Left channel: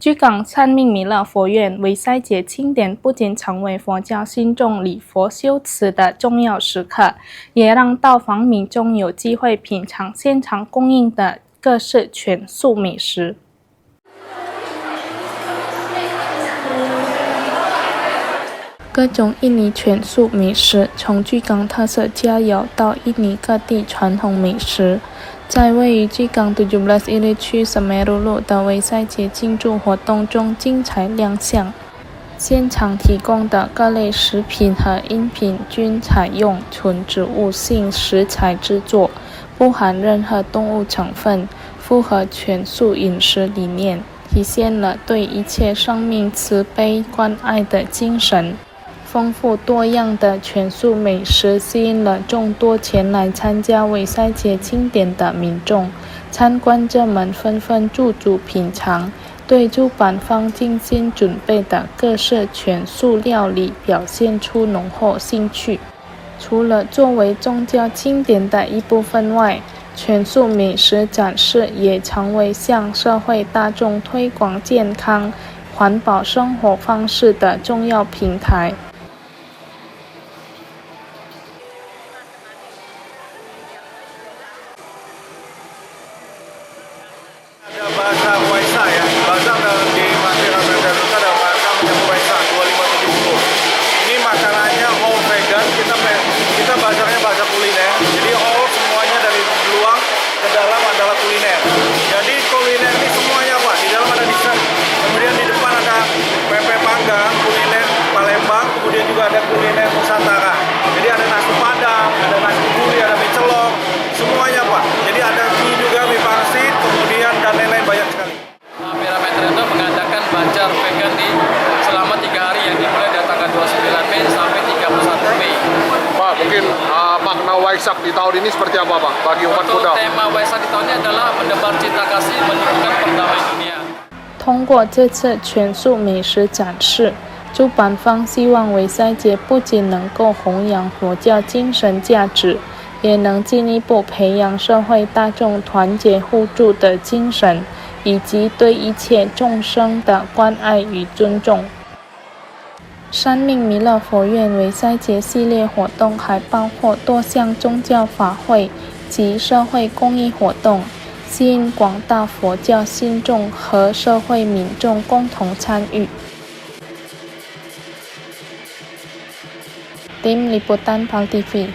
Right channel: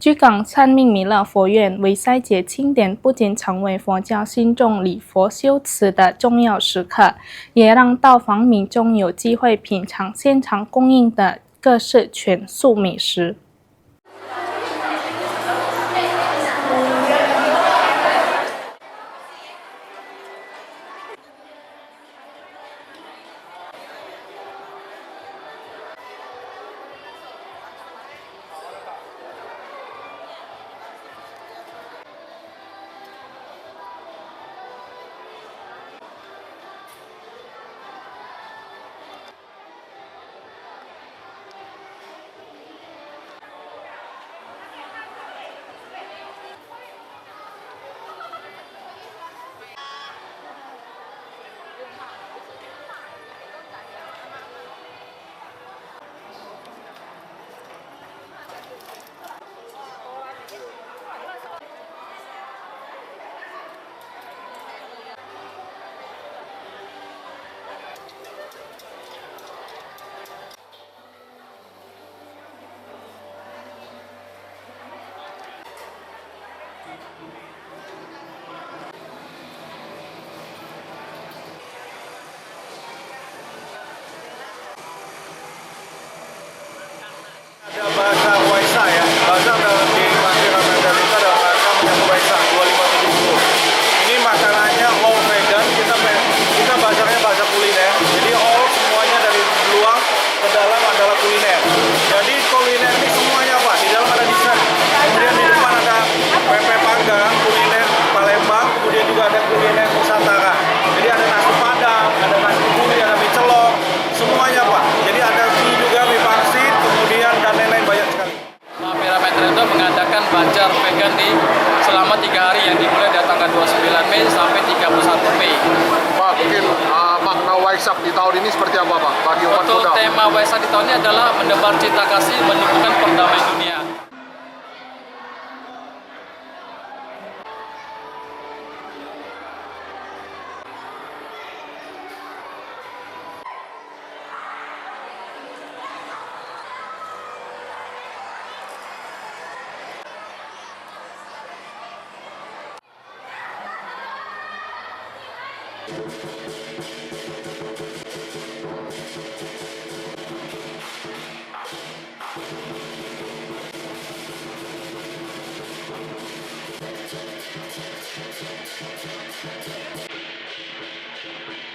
居港三命弥勒佛院为赛节庆典不仅成为佛教信众礼佛修持的重要时刻，也让到访民众有机会品尝现场供应的各式全素美食。各种印尼全素美食，从居港特色佳肴到印尼各地传统美食，在位于居港17 Ilir区Semeru路的为赛节庆祝活动中精彩亮相。现场提供的各类食品和饮品均采用纯植物性食材制作，不含任何动物成分，符合全素饮食理念，体现了对一切生命慈悲关爱的精神。丰富多样的全素美食吸引了众多前来参加为赛节庆典的民众，参观者们纷纷驻足品尝，对主办方精心准备的各式全素料理表现出浓厚兴趣。除了作为宗教庆典的一部分外，全素美食展示也成为向社会大众推广健康、环保生活方式的重要平台。Bahasa Waisak ya, bahasa di masyarakat Garuda ada bahasa menyambut Waisak 2570. Ini makanannya all vegan, kita bahasanya bahasa kuliner. Jadi all semuanya dari luar ke dalam adalah kuliner. Jadi kuliner ini semuanya Pak, di dalam ada dessert. Kemudian di depan ada pempek panggang, kuliner Palembang, kemudian juga ada kuliner Nusantara. Jadi ada nasi padang, ada nasi kebuli, ada mie celok, semuanya Pak. Jadi ada mie juga, mie pangsit, kemudian dan lain-lain banyak sekali. Merah Metro mengadakan bazar vegan selama 3 hari yang dimulai dari tanggal 29 Mei sampai 31 Mei. Pak, mungkin makna Waisak di tahun ini seperti apa Pak bagi umat Buddha? Tema Waisak di tahun ini adalah menebar cinta kasih, menumbuhkan perdamaian dunia. 通过这次全素美食展示，主办方希望为赛节不仅能够弘扬佛教精神价值，也能进一步培养社会大众团结互助的精神，以及对一切众生的关爱与尊重。三命弥勒佛院为赛节系列活动还包括多项宗教法会及社会公益活动，吸引广大佛教信众和社会民众共同参与。Tim Liputan PAL TV